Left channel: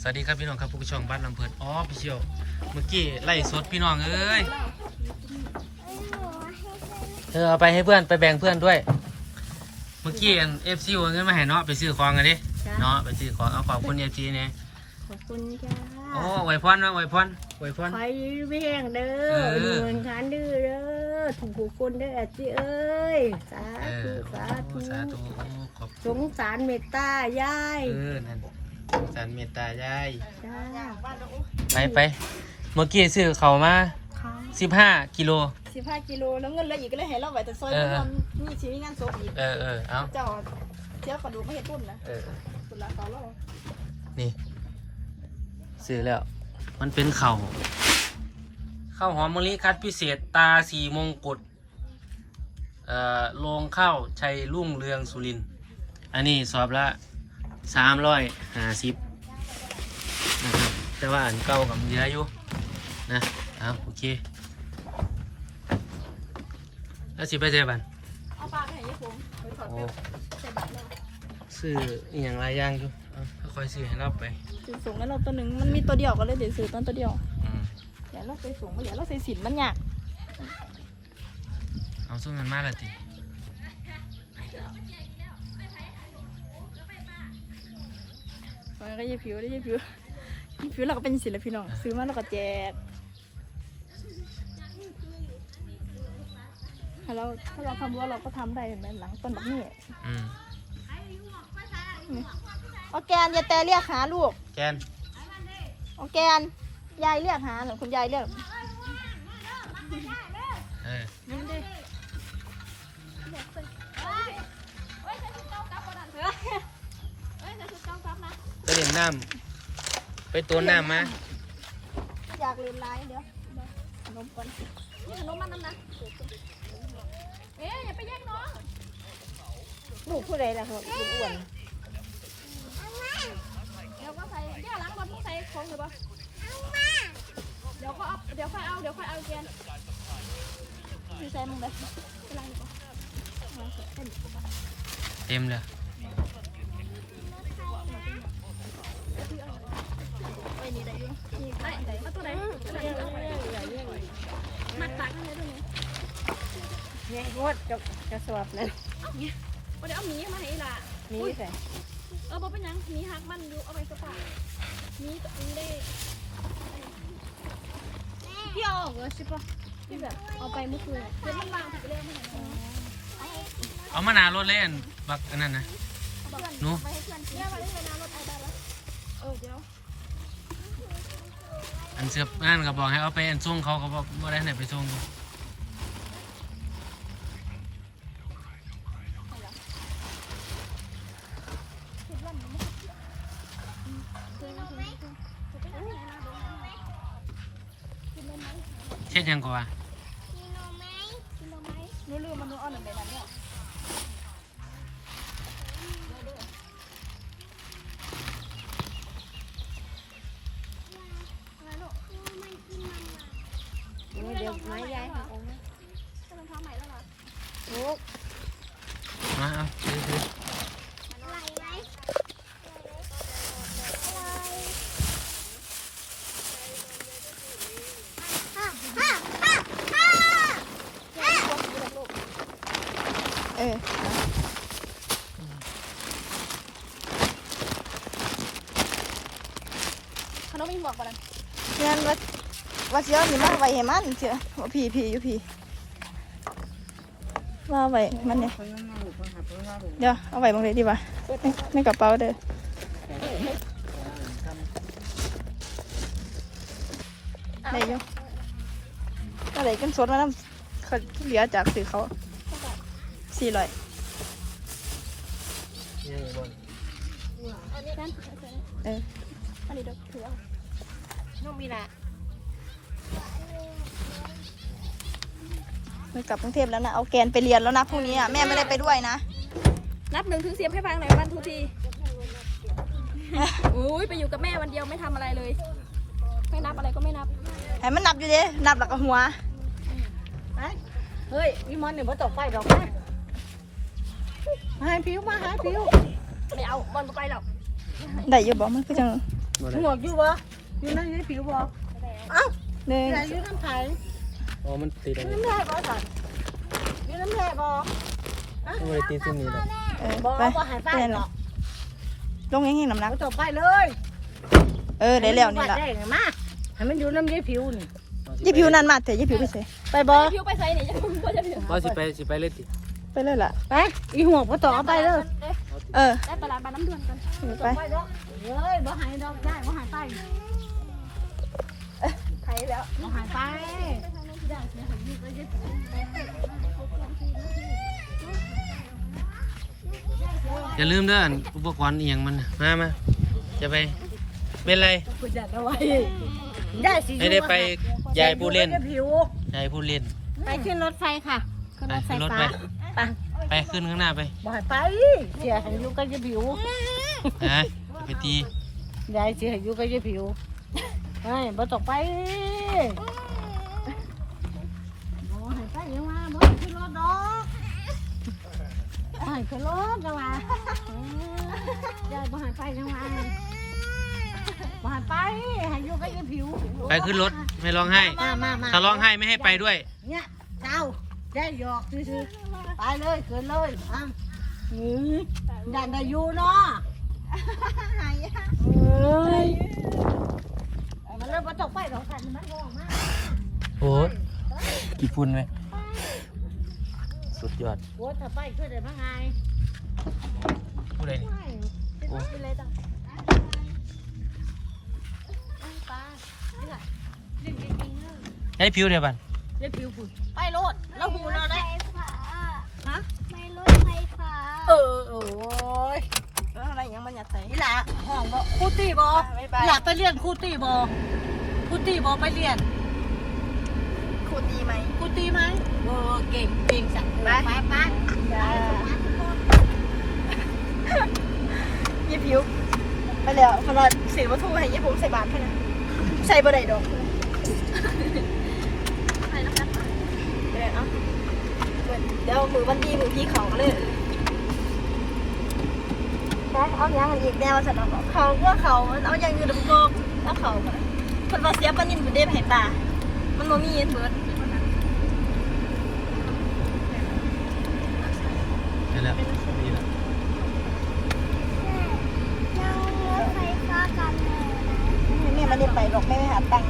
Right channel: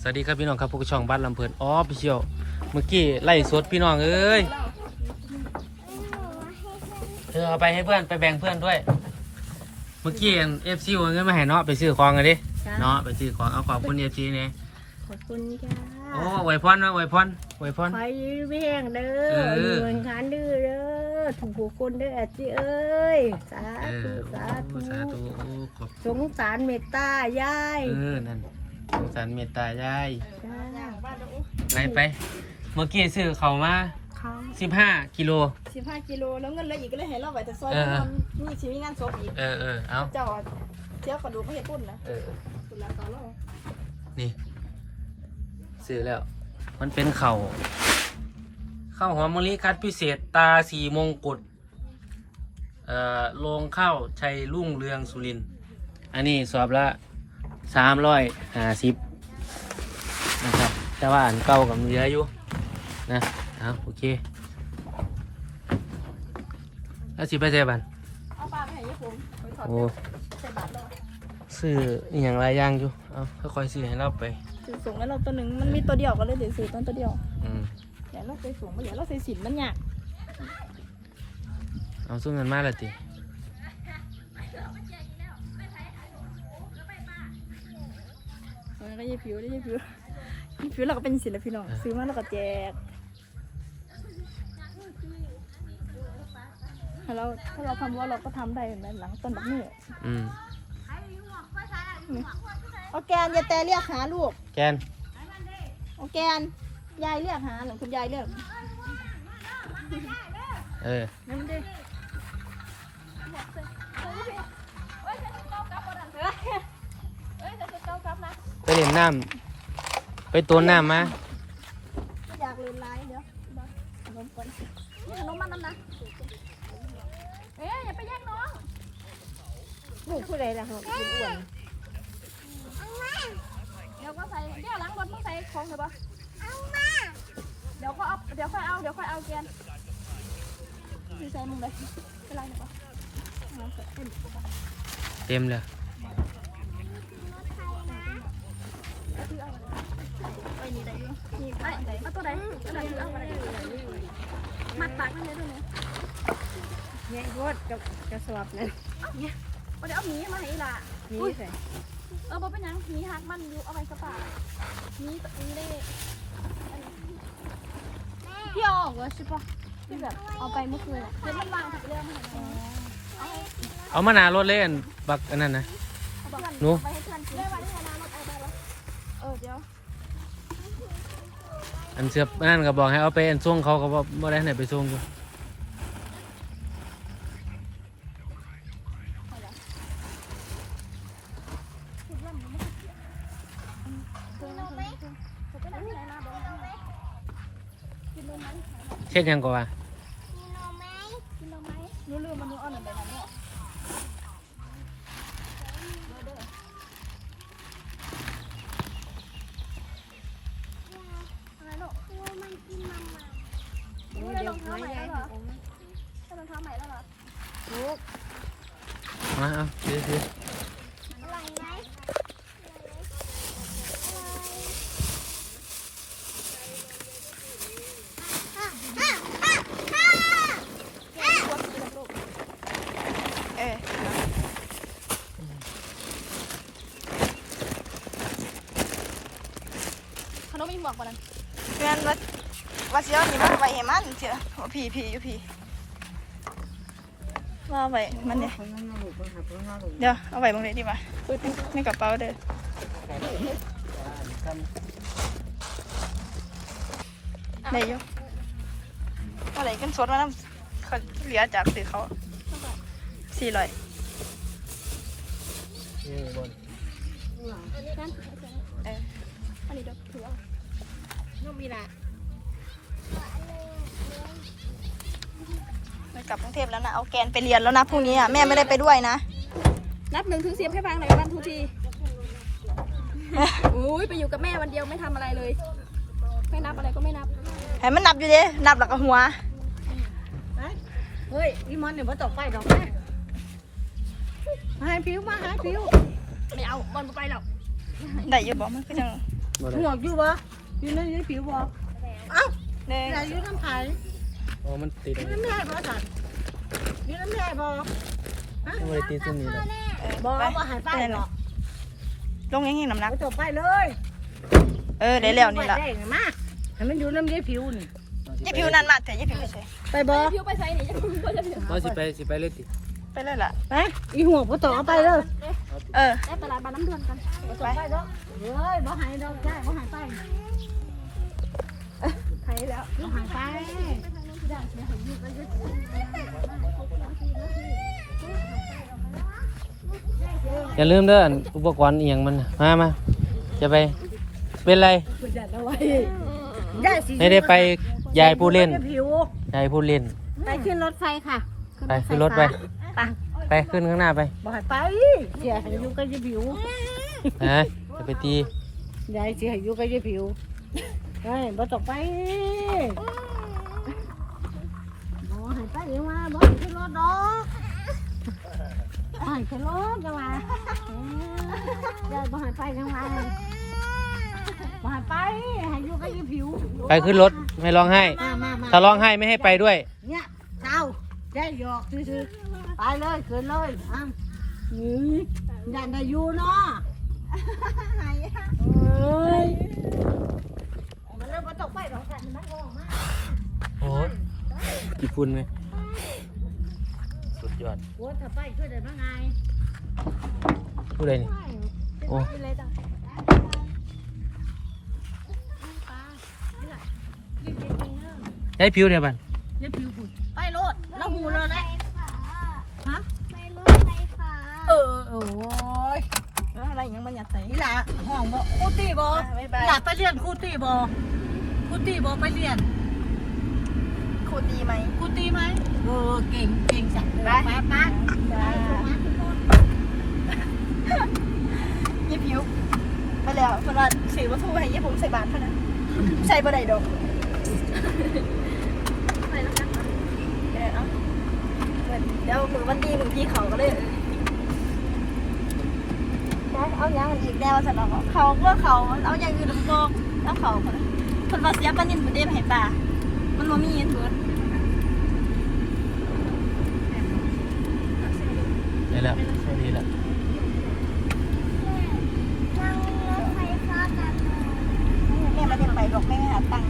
สวัสดีครับพี่น้องครับพวกช่องบ้านลำเพลินอ๋อไปเชียวเมื่อกี้ไล่สดพี่น้องเอ้ยเธอเอาไปให้เพื่อนไปแบ่งเพื่อนด้วย เมื่อกี้เอฟซีเอาเงินมาให้เนาะไปซื้อของกันดิจ้าเนาะไปซื้อของเอาขอบคุณเอฟซีเนี่ยขอบคุณจ้าโอ้ไหวพรนะไหวพรไหวพรคอยเวียงเด้เออออยู่เมืองคานดื้อเด้อถูกผู้คนเด้ออาจีเอ้ย สาเอธุ อสาธุ สาธุโอ้ขอบสงสารเมตตายาย เออนั่น สงสารเมตตายาย จ้าไปไปเมื่อกี้ซื้อเขาวมาเขาสิบห้ากิโล สิบห้ากิโลแล้วเงินเหลืออีกก็เลยเห็นเราไว้แต่ซอยเออเพราะมันมีชีวิตงานศพอีกเออเออเอาเจ้าเที่ยวกระดูกไม่เห็นปุ่นนะเออตุลาเกาโลนี่ซื้อแล้ว มันเป็นเข่าข้าวหอมมะลิคัดพิเศษตาสีมงกุฎเอ่อโรงข้าวชัยรุ่งเรืองสุรินทร์อันนี้สอบละ สามร้อยห้าสิบนะครับ แต่ว่าอันเก่ากับเหลืออยู่นะเอาโอเคแล้วสิไปเจอบันเอาปลาไปให้ยายผมไปถอดโอ้ไปใส่บาตรเราซื้ออหย่างไรอย่างอยู่เอาค่อยๆซื้อให้เราไปซื้อส่งแล้วเราตัวหนึ่งมันมีตัวเดียวก็เลยเดี๋ยวซื้อต้นตัวเดียวอืมเดี๋ยวเราไปส่งมาเดี๋ยวเราใส่สินมันยากเอาสู้เงินมาและติ ส่งก็ยายผิวได้ยายผิวยายผิวเราก็เป็นศิลปินน้องซื้อมาเราก็แจกถ้าเราถ้าเราทำว่าเราก็ทำได้เห็นไหมหลังต้นแบบนี้อืมเอาแกนยายแต่เรียกหาลูกแกนเอาแกนยายเรียกหาหรือคุณยายเรียกเออ นี่มันดิไปเล่นน้ำไปตัวน้ำมาอยากเล่นไลน์เดี๋ยวขนมก่อนนี่ขนมมันนั่นนะเอ๊ะอย่าไปแย่งน้องลูกผู้ใดล่ะครับลูกอ้วนเดี๋ยวก็ใส่เดี๋ยวล้างรถมึงใส่ของเถอะปะเดี๋ยวก็เอาเดี๋ยวค่อยเอาเดี๋ยวค่อยเอาแกนพี่ใส่มึงเลยไปล้างดีกว่าเอาเสร็จเต็มดีกว่าเต็มเลย ไอ้นี่ได้อยู่นี่ไอ้ไหนเอาตัวไหนตัวไหนเอาไปไหนมัดปากมันเลยด้วยเนี่ย เนี่ยโคตรจะจะสวบเลยเอาเดี๋ยวเอาหมีมาให้อีหล่ะนี่ใส่เออบ่เป็นหยังหมีหักมันอยู่เอาไปกระป๋าหมีตัวนี้ได้พี่เอาออกเลยใช่ปะพี่แบบเอาไปเมื่อคืนเดี๋ยวมันวางถูกเรื่องมันเอาให้เอามาหนารถเล่นบักอันนั้นนะ เอาเพื่อนหนู เอาไปให้เพื่อนกินได้ไว้ให้นารถเอาไปแล้วเออเดี๋ยวอันเสือบอันนั่นก็บอกให้เอาไปอันส่งเขาก็บอกบ่ได้ไหนไปส่งอยู่ สุดลำมันไม่เกี่ยวเคยนะเคยนะเคยไปไหนที่ไหนมาบอกหน่อยกินนมไหม เช่นยังกว่ากินนมไหมกินนมไหมหนูลืมมันหนูเอาหนึ่งไปนั้นเนี่ยเดี๋ยวเด้ออะไรลูกหนูได้รองเท้าใหม่แล้วเหรอได้รองเท้าใหม่แล้วเหรอ มาเอาซื้อซื้ออขนมมี บอกบ่นั่นงานวัดวัดเสียวนี่มาไว้ให้มันเชียวว่าพี่พี่อยู่พี่ว่าไว้มันเนี่ยเดี๋ยวเอาไว้บางทีดีกว่าในกระเป๋าเด้อได้อยังอะไรกันสดมาน้ำคนเหลือจากสื่อเขาสี่ร้อยเอออันนี้เดี๋ยวถือเอาน้อง มีละหนูกลับกรุงเทพแล้วนะ เอาแกนไปเรียนแล้วนะพรุ่งนี้อะแม่ไม่ได้ไปด้วยนะ นับหนึ่งถึงสิบให้ฟังหน่อยวันทุกทีอุ้ยไปอยู่กับแม่วันเดียวไม่ทำอะไรเลย ไม่นับอะไรก็ไม่นับให้มันนับอยู่ดินับหลักกับหัว เฮ้ยวิมอนเนี่ยมาตกไฟดอกแม่มาให้ผิวมาหาผิวไม่เอาบอลไปหรอกได้อยู่บอกมันก็จังบ่ได้ห่วงอยู่บ่ อยู่ในยี่ผิวบ่เอ้าหนึ่งแต่อยู่น้ำไผ่อ๋อมันติดออันยู่นี้น้ำแร่บ่สันอยู่น้ำแร่บ่ไม่ได้ติดซุ่มนี้เลยเออบ่ไปบ่หายไปเปลี่ยนหรอกลงยังไงน้ำหนักเอาจบไปเลย เออได้แล้วนี่ละได้มาให้มันอยู่น้ำยี่ผิวนี่ยี่ผิวนั่นมาเถอะยี่ผิวไปใส่ไปบ่ผิวไปใส่นี่จะผิวจะผิวว่าสิไปสิไปเลยติไปเลยล่ะไปอีหัวบ่ต่อไปเลย เออ ได้ตลาดบ้านน้ำเดือนกันจบไปแล้วเฮ้ยบ่หายดอกได้บ่หายไปไทยแล้วบ่หายไปอย่าลืมเด้ออันอุปกรณ์เอียงมันน่ะมามาจะไป เป็นไรคุณจัดเอาไว้ได้สิไม่ได้ไปยายผู้เล่นอยู่กับผิวยายพูดเล่น ไปขึ้นรถไฟค่ะ ไปขึ้นรถไปไป ไปขึ้นข้างหน้าไปบ่ให้ไปเสียให้อยู่กับยี่ผิวนะจะไปตียายเสียให้อยู่กับยี่ผิวเฮ้ยบ่ต้องไปบ่ให้ไปยังว่าบ่ให้ขึ้นรถดอกบ่ให้ขึ้นรถจังว่ายายบ่ให้ไปจังว่าบ่ให้ไปให้อยู่กับยี่ผิวไปขึ้นรถไม่ร้องไห้มามามาถ้าร้องไห้ไม่ให้ไปด้วย เนี่ยเจ้า ได้หยอกซื่อๆไปเลยขึ้นเลยอะนี่ยันได้อยู่เนาะเอ้ยมันเริ่มมาตกไปหรอกค่ะมันลงมาโอ้ยกี่ฝุ่นไหมสุดยอดโอ้ถ้าไปขึ้นได้ทั้งไงผู้ใดนี่โอ้ให้ผิวเดียวบันเดี๋ยวผิวฝุ่นไปโลดแล้วหูนอนได้ฮะ ไม่รู้ใครค่ะ เออโอ้ ยอะไรยังมันอยากใส่นี่ล่ะห่วงบ่ครูตีบ่หลับไปเรียนครูตีบ่ครูตีบ่ไปเรียนครูดีไหม ครูตีไหมเออเก่งเก่งสักไป ไปไป จ้ายี่ผิวไปแล้วเพราะว่าเสียวัตถุให้ยี่ผมใส่บาตรเท่านั้นใส่บ่ได้ดอกเดี๋ยวมือมันดีมือพี่เขาก็เลย ได้เอาเนี้ยมันอีกแน่ว่าสันเอาเขาว่าเขาเอาอย่างอยู่ดึงกอกเอาเขาคนว่าเสียปลานินประเด็นให้ป่ามันโมมีเถิดเดี๋ยวแล้วนี่แล้วนั่งรถไฟฟ้ากันแม่ไม่ได้ไปหรอกแม่ไปหาตังค์